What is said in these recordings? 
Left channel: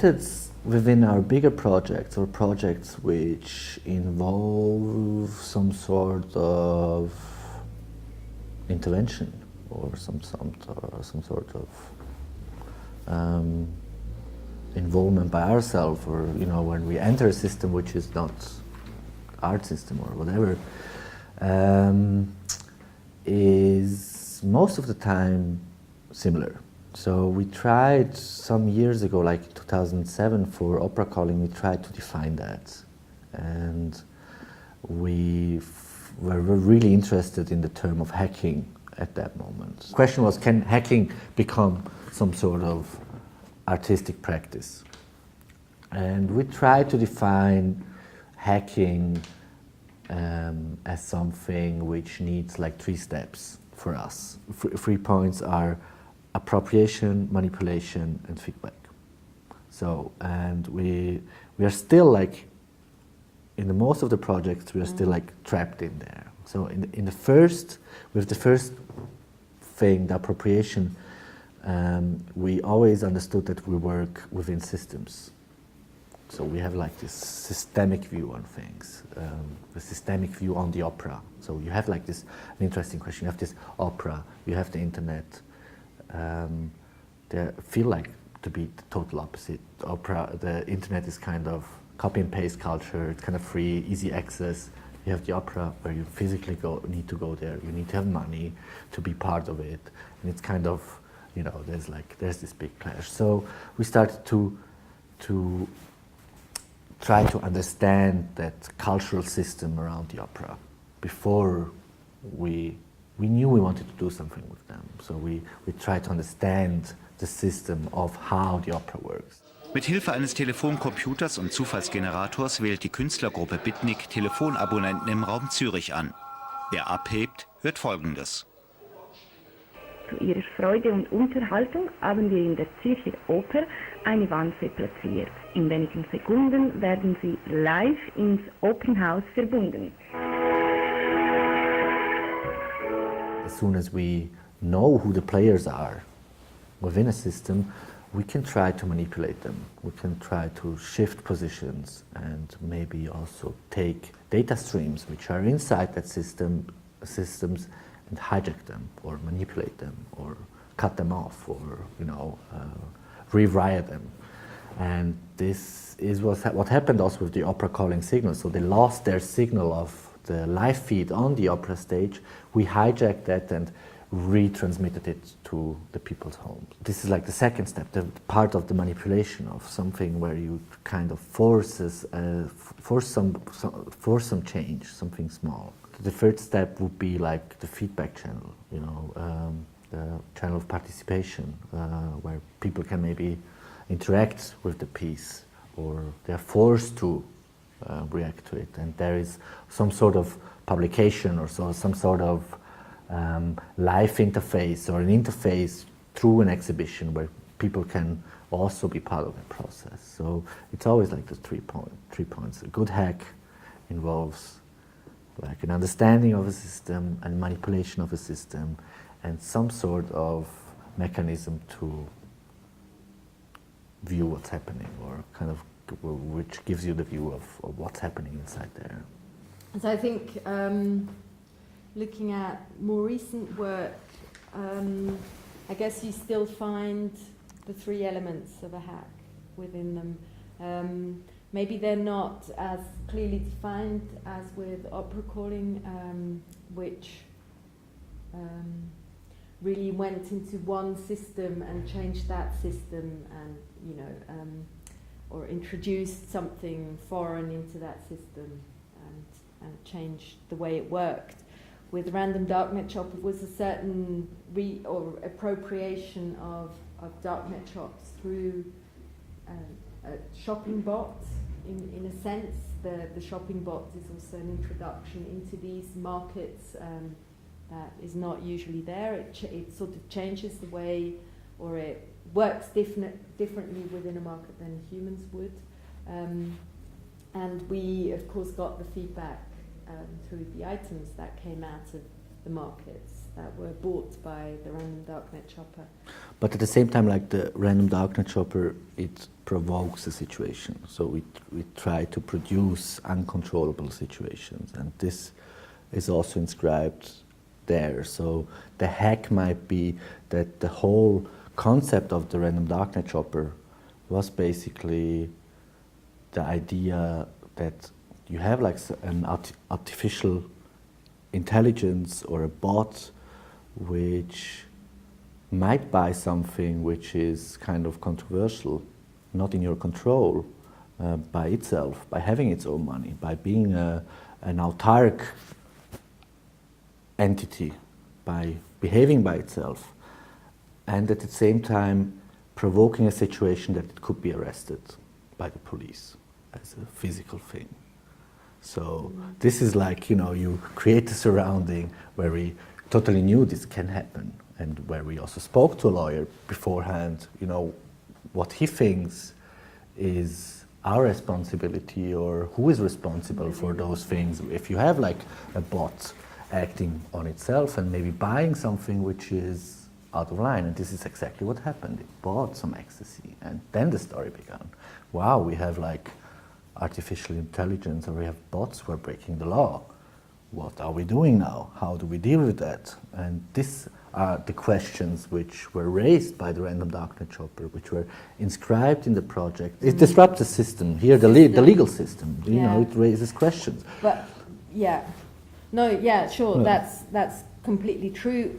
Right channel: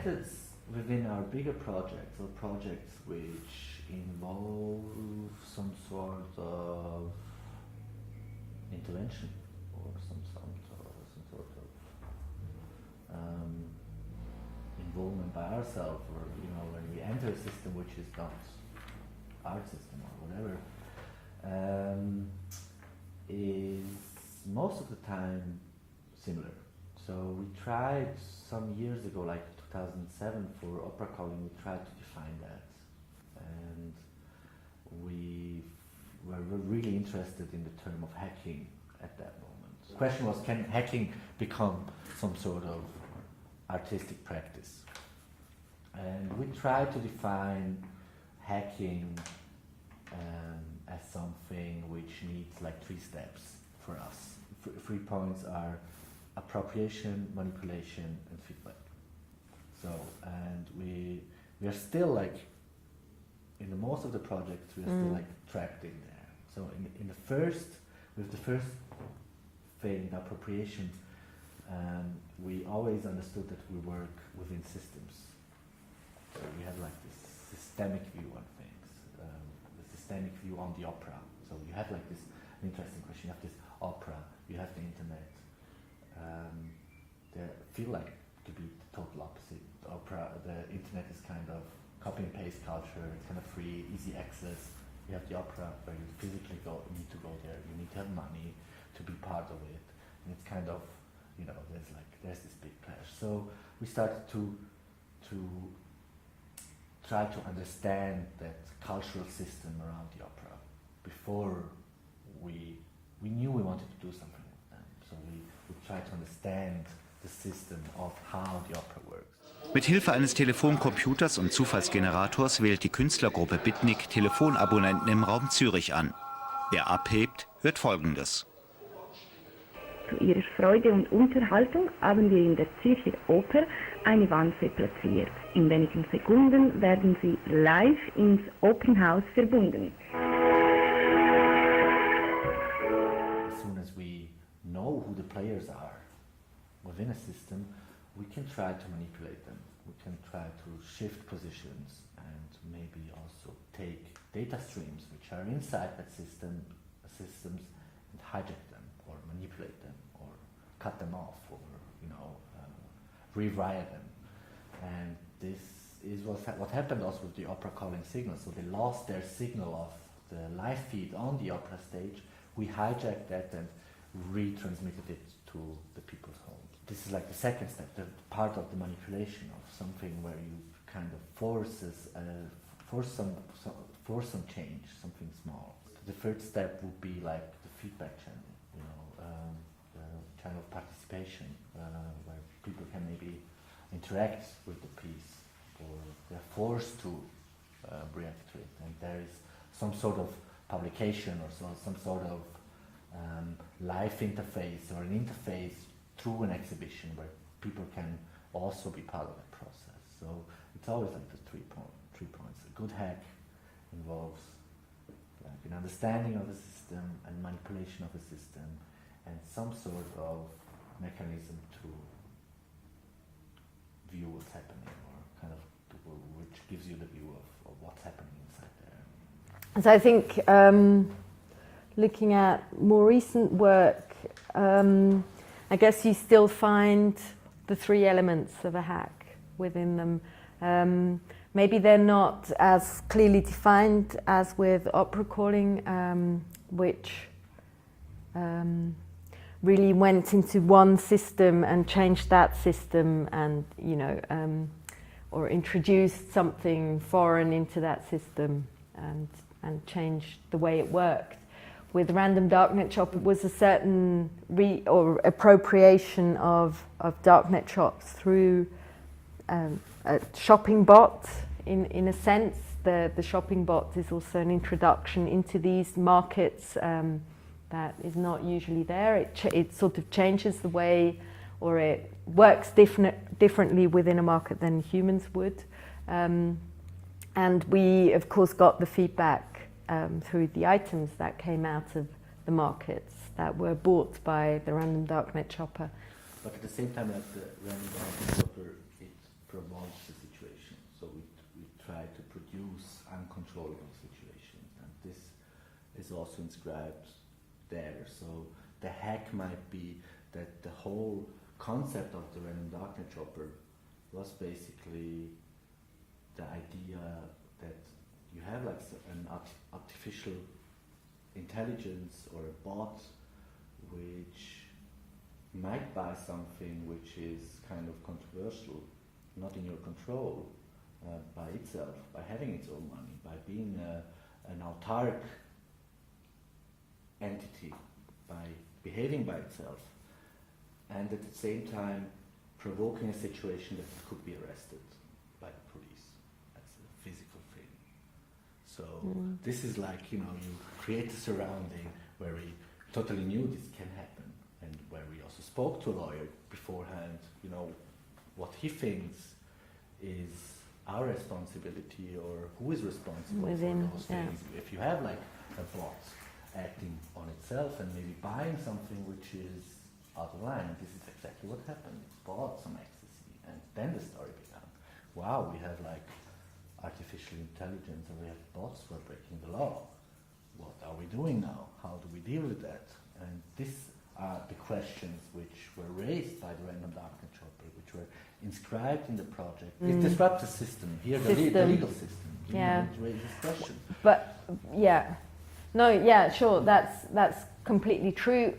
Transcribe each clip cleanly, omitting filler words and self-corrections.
methods within our bigger projects or projects which involve some sort of intervention or some sort of involvement by ourselves, or when we enter a system which is not art system or whatever, is most of the time similar. So we tried some years ago, like 2007, for opera calling, we tried to define that, and we were really interested in the term of hacking at that moment. The question was, can hacking become some sort of artistic practice? And we tried to define hacking as something which needs like 3 steps for us. 3 points are appropriation, manipulation, and feedback. So, and we are still like, in the most of the projects, we are still like trapped in there. So in the first, with the first thing, the appropriation, we always understood that we work within systems. So we have like this systemic view on things, a systemic view on the opera. So you have like this, an interesting question, you have this opera, you have the internet. They feel like to be the total opposite. The internet is kind of copy and paste culture, it's kind of free, easy access. You have the opera where you physically need to go there, you need to have money to be part of it. And it's kind of, there's this big clash. So we started to try to understand that cultural system around the opera before we knew we wanted to do something with them. So we tried to understand the system of how the opera works. Mit Hilfe eines Telefoncomputers und Zufallsgenerators wählt die Künstlergruppe Bitnik Telefonabonnenten im Raum Zürich an. Wer abhebt, hört Folgendes. Zu ihrer Freude und Unterhaltung haben wir in der Zürcher Oper eine Wanze platziert. In wenigen Sekunden werden sie live ins Opernhaus verbunden. As soon as we know who the players are within a system, we can try to manipulate them. We can try to shift positions and maybe also take data streams which are inside that systems and hijack them or manipulate them or cut them off or rewire them. And this is what happened also with the opera calling signal. So they lost their signal of the live feed on the opera stage. We hijacked that and retransmitted it to the people's homes. This is like the second step, the part of the manipulation of something where you kind of force some change, something small. The third step would be like the feedback channel, the channel of participation, where people can maybe interact with the piece, or they're forced to react to it, and there is some sort of publication or some sort of live interface or an interface through an exhibition where people can also be part of the process. So it's always like the 3 points. A good hack involves like an understanding of a system and manipulation of a system and some sort of mechanism to view what's happening, or kind of which gives you the view of what's happening inside there. So I think looking at more recent work, I guess you still find the 3 elements of a hack within them. Maybe they're not as clearly defined as with opera calling, which really went into one system and changed that system, and or introduced something foreign into that system and changed the way it worked. With Random Darknet Shop, it was a certain appropriation of darknet shops through a shopping bot. In a sense, the shopping bot is also an introduction into these markets that is not usually there. It sort of changes the way, or it works differently within a market than humans would. And we, of course, got the feedback through the items that came out of the markets that were bought by the Random Darknet Shopper. But at the same time, like the Random Darknet Shopper, it provokes a situation. So we try to produce uncontrollable situations, and this is also inscribed there. So the hack might be that the whole concept of the random darknet chopper was basically the idea that you have like an artificial intelligence or a bot which might buy something which is kind of controversial, not in your control, by itself, by having its own money, by being an autark entity, by behaving by itself, and at the same time provoking a situation that it could be arrested by the police as a physical thing. So this is like, you create a surrounding where we totally knew this can happen, and where we also spoke to a lawyer beforehand, what he thinks is our responsibility or who is responsible for those things. If you have like a bot acting on itself and maybe buying something which is out of line, and this is exactly what happened. It bought some ecstasy, and then the story began. Wow, we have like artificial intelligence, or we have bots who are breaking the law. What are we doing now? How do we deal with that? And these are the questions which were raised by the random darknet chopper, which were inscribed in the project. It disrupts the system here, the legal system. It raises questions. But sure, No. that's completely true.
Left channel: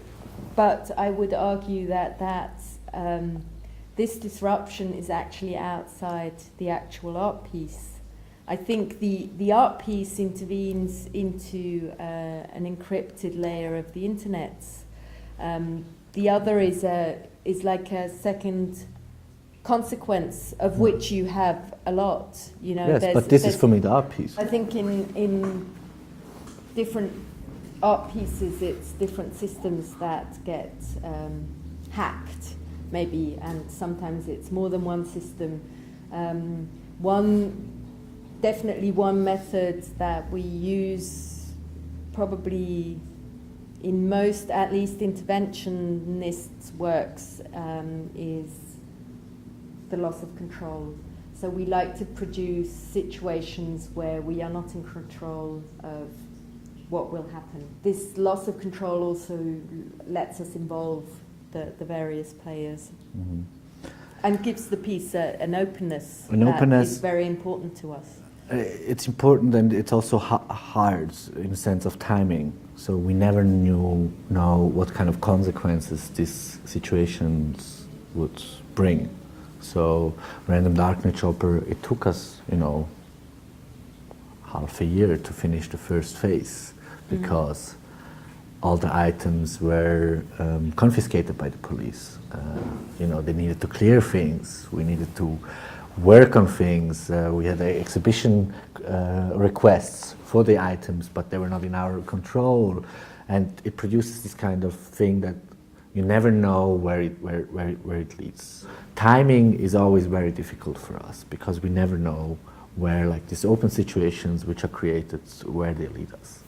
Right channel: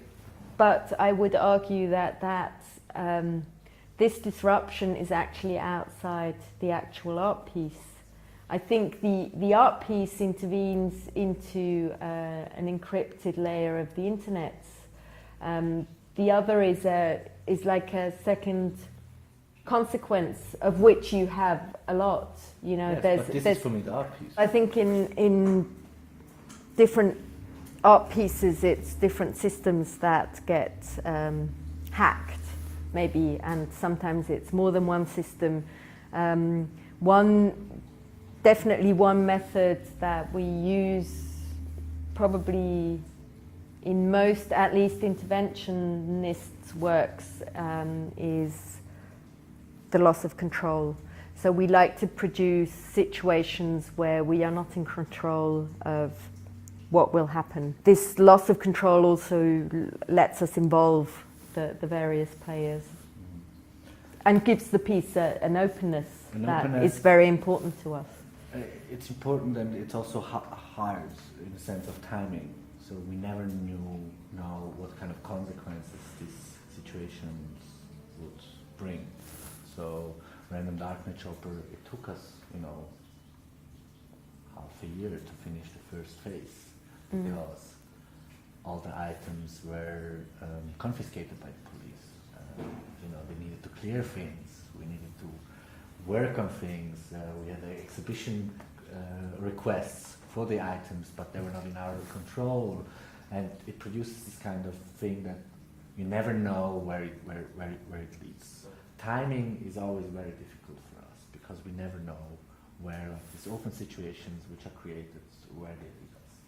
But I would argue that this disruption is actually outside the actual art piece. I think the art piece intervenes into an encrypted layer of the internet. The other is like a second consequence of which you have a lot. Yes, but this is for me the art piece. I think in different art pieces, it's different systems that get hacked, maybe, and sometimes it's more than one system. Definitely one method that we use probably in most, at least interventionist works, is the loss of control. So we like to produce situations where we are not in control of what will happen. This loss of control also lets us involve the various players. Mm-hmm. And gives the piece an openness that is very important to us. It's important, and it's also hard in the sense of timing. So we never know what kind of consequences these situations would bring. So random darknet chopper, it took us, half a year to finish the first phase, because all the items were confiscated by the police. They needed to clear things. We needed to work on things. We had exhibition requests for the items, but they were not in our control, and it produces this kind of thing that you never know where it leads. Timing is always very difficult for us, because we never know where, like, these open situations which are created, where they lead us.